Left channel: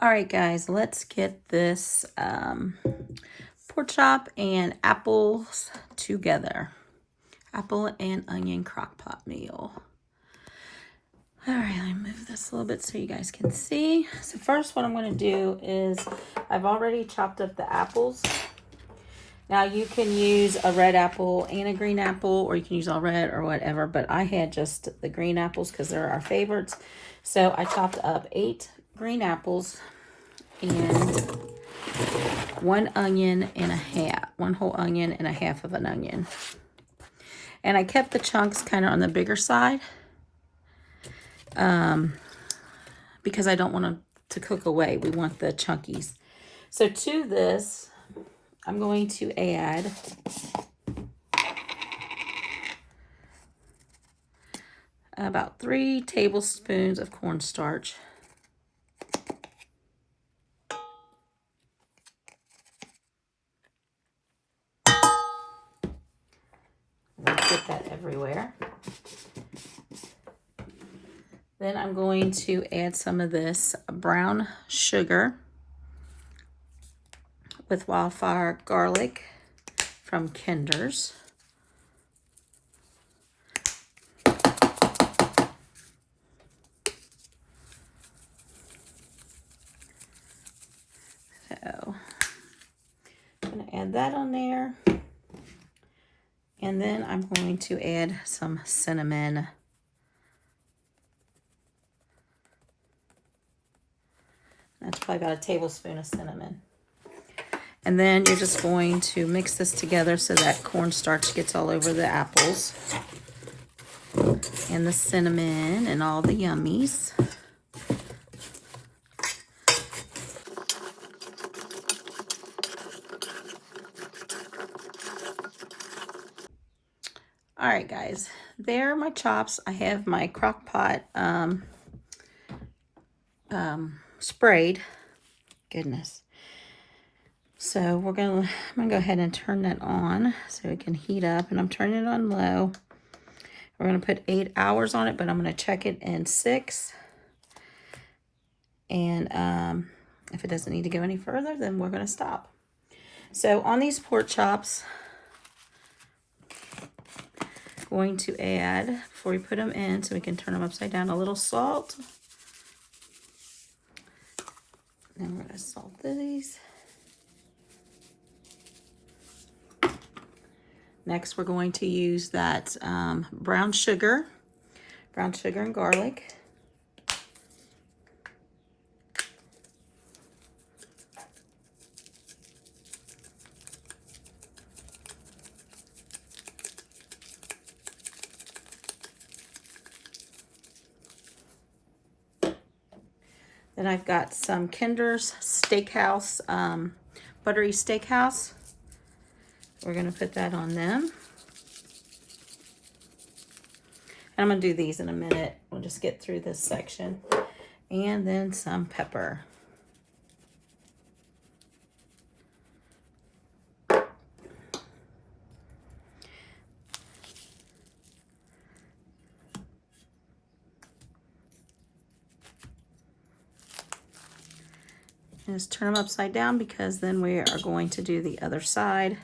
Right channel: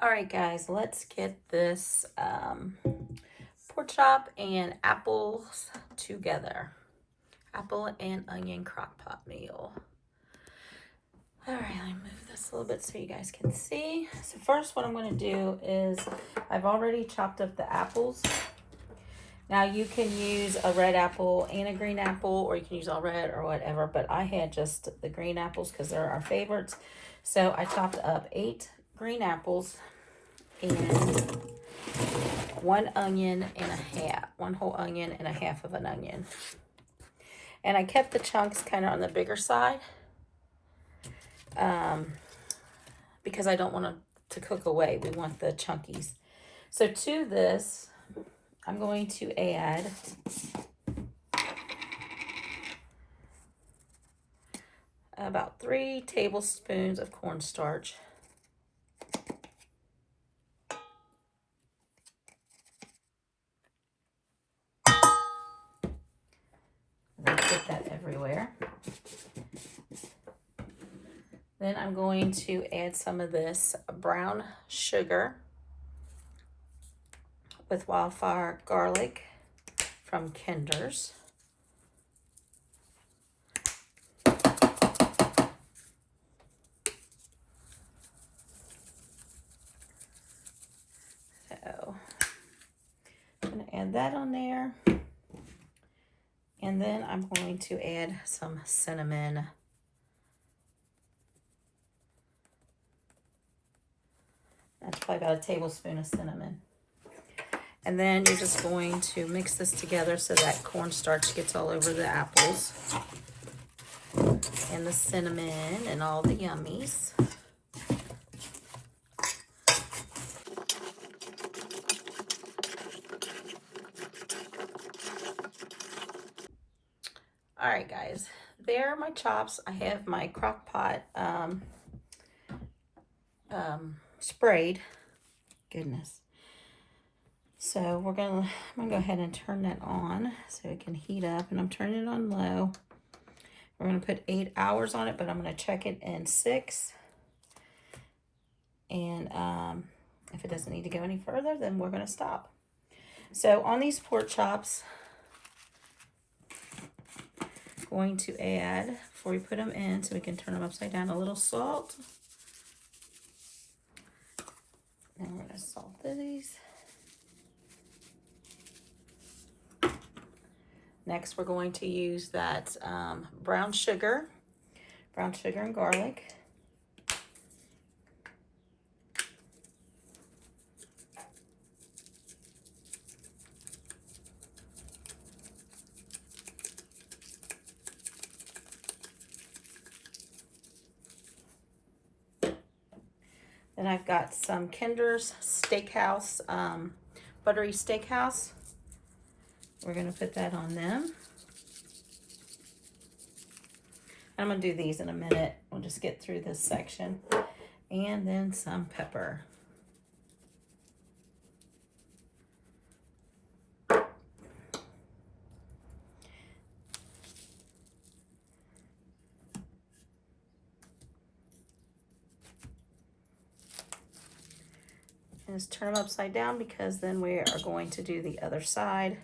All right, guys, let's get this pork chop and apples together. Apple and onion crock pot meal. All right, let me move this a little bit so you guys can see. So first what I'm going to do is I've already chopped up the apples. Now you can use a red apple and a green apple, or you can use all red or whatever, but I had just the green apples because they're our favorites. So I chopped up 8 green apples and 1 onion and a half, 1 whole onion and a half of an onion. And I kept the chunks kind of on the bigger side because I don't want them to cook away. We want the chunkies. So to this, I'm going to add about 3 tablespoons of cornstarch. Get that everywhere. Then I'm going to add some of this brown sugar with wildfire garlic from Kinder's. So I'm going to add that on there. And then I'm going to add some cinnamon. That's probably about a tablespoon of cinnamon. And then you're just going to mix this together so that cornstarch gets all over the apples and the cinnamon and all the yummies. All right, guys, there are my chops. I have my crock pot sprayed. Goodness. So I'm gonna go ahead and turn that on so it can heat up, and I'm turning it on low. We're gonna put 8 hours on it, but I'm gonna check it in 6. And if it doesn't need to go any further, then we're gonna stop. So on these pork chops, going to add, before we put them in so we can turn them upside down, a little salt. And we're going to salt these. Next, we're going to use that brown sugar and garlic. Then I've got some Kinder's Steakhouse, buttery steakhouse. We're going to put that on them. And I'm going to do these in a minute. We'll just get through this section. And then some pepper. Just turn them upside down because then we are going to do the other side.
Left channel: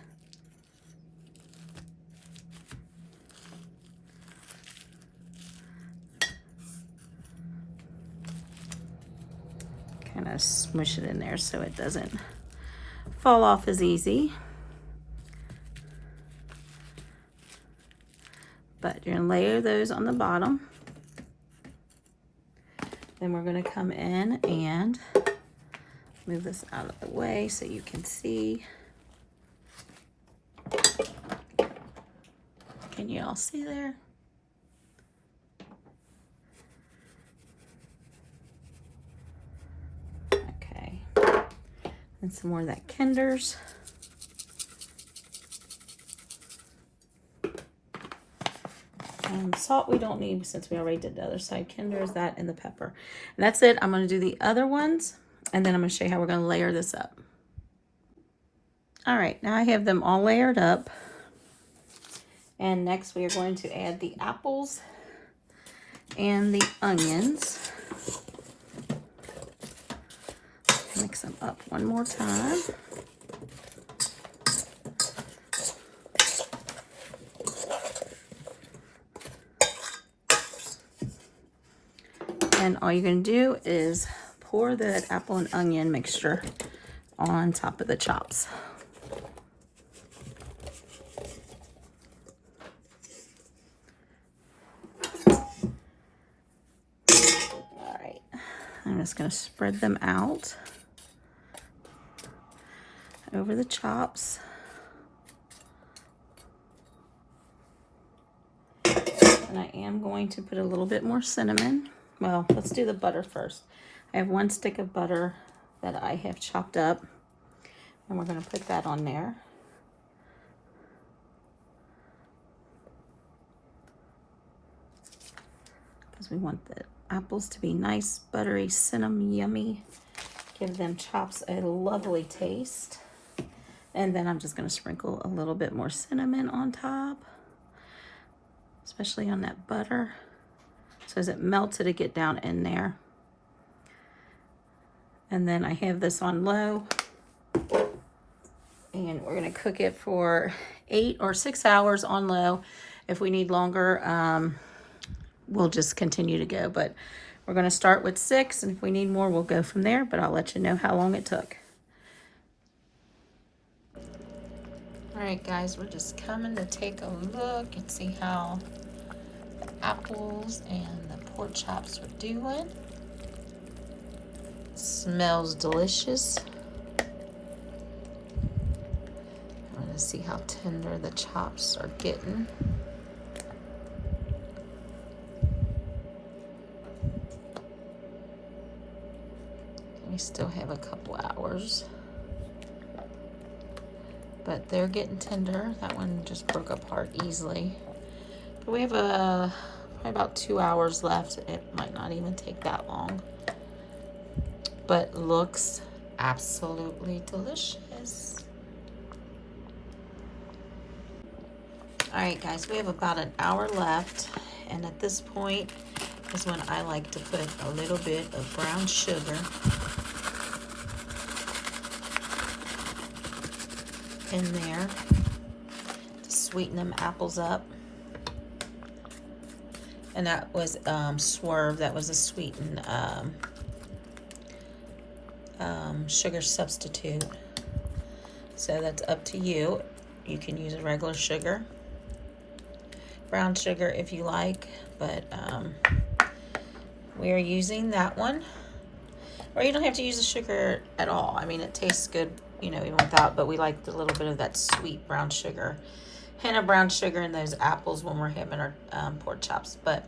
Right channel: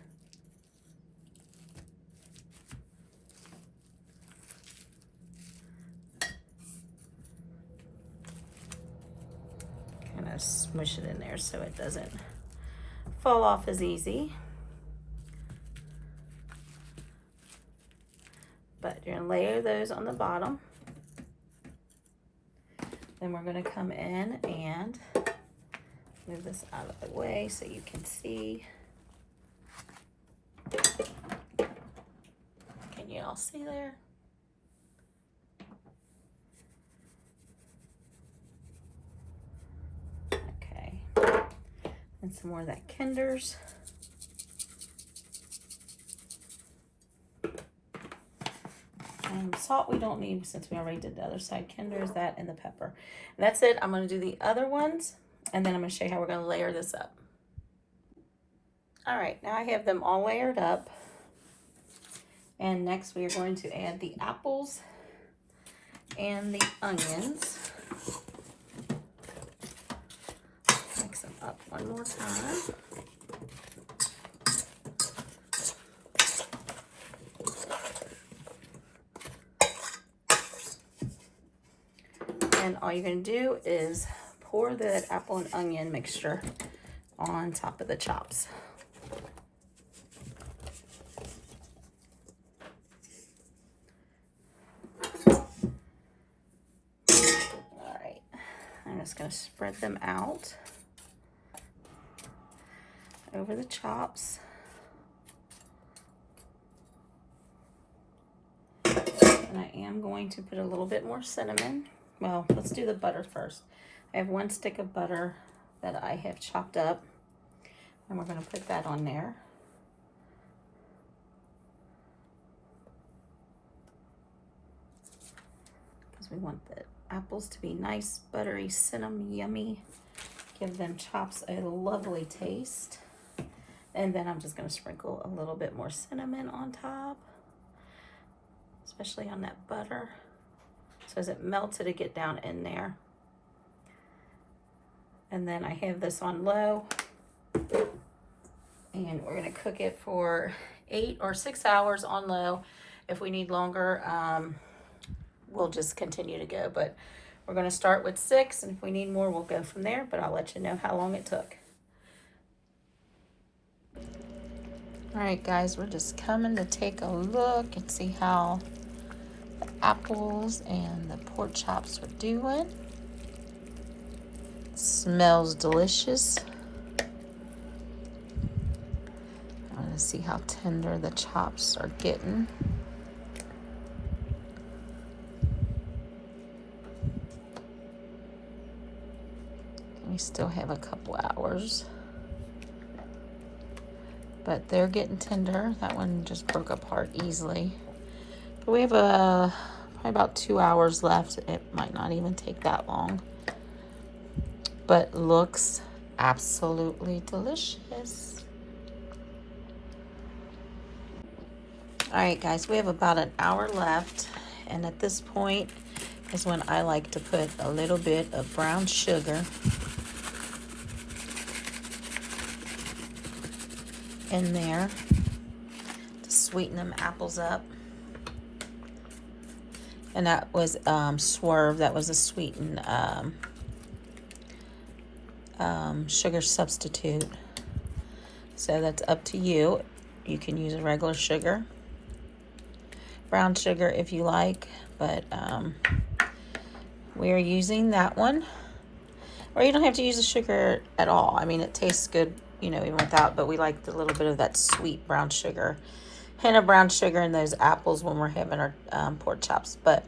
Kind of smush it in there so it doesn't fall off as easy. But you're gonna layer those on the bottom. Then we're gonna come in and move this out of the way so you can see. Can you all see there? Okay. And some more of that Kinder's. Salt we don't need since we already did the other side. Kinder's, that, and the pepper. And that's it. I'm going to do the other ones, and then I'm going to show you how we're going to layer this up. All right, now I have them all layered up. And next we are going to add the apples and the onions. them up one more time. And all you're going to do is pour the apple and onion mixture on top of the chops. All right, I'm just going to spread them out over the chops. And I am going to put a little bit more cinnamon. Well, let's do the butter first. I have 1 stick of butter that I have chopped up, and we're going to put that on there. Because we want the apples to be nice, buttery, cinnamon, yummy. Give them chops a lovely taste. And then I'm just going to sprinkle a little bit more cinnamon on top, especially on that butter. So as it melts, it'll get down in there. And then I have this on low, and we're going to cook it for 8 or 6 hours on low. If we need longer, we'll just continue to go. But we're going to start with 6, and if we need more, we'll go from there. But I'll let you know how long it took. All right, guys, we're just coming to take a look and see how the apples and the pork chops are doing. Smells delicious. I want to see how tender the chops are getting. We still have a couple hours, but they're getting tender. That one just broke apart easily. But we have probably about 2 hours left. It might not even take that long, but looks absolutely delicious. All right, guys, we have about an hour left, and at this point is when I like to put a little bit of brown sugar in there to sweeten them apples up. And that was Swerve. That was a sweetened sugar substitute. So that's up to you. You can use a regular sugar, brown sugar if you like, but we are using that one. Or you don't have to use the sugar at all. I mean, it tastes good, you know, even without, but we like a little bit of that sweet brown sugar. Hint of brown sugar in those apples when we're having our pork chops. But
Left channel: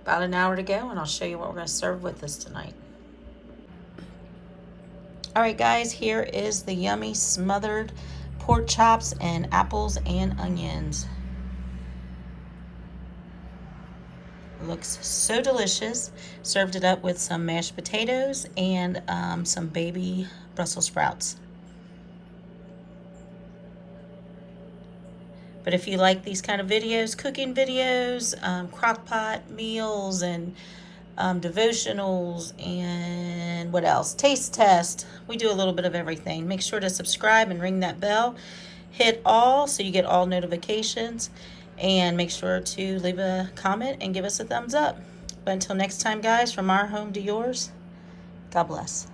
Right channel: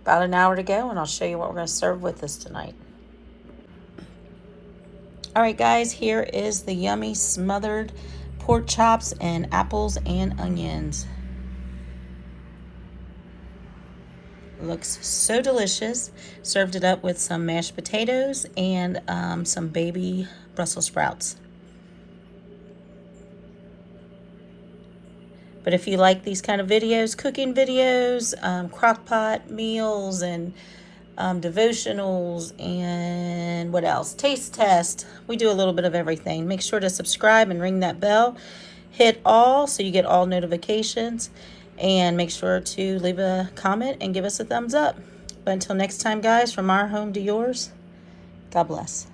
about an hour to go, and I'll show you what we're going to serve with this tonight. All right, guys, here is the yummy smothered pork chops and apples and onions. Looks so delicious. Served it up with some mashed potatoes and some baby Brussels sprouts. But if you like these kind of videos, cooking videos, crockpot meals, and devotionals, and what else? Taste test. We do a little bit of everything. Make sure to subscribe and ring that bell. Hit all so you get all notifications. And make sure to leave a comment and give us a thumbs up. But until next time, guys, from our home to yours, God bless.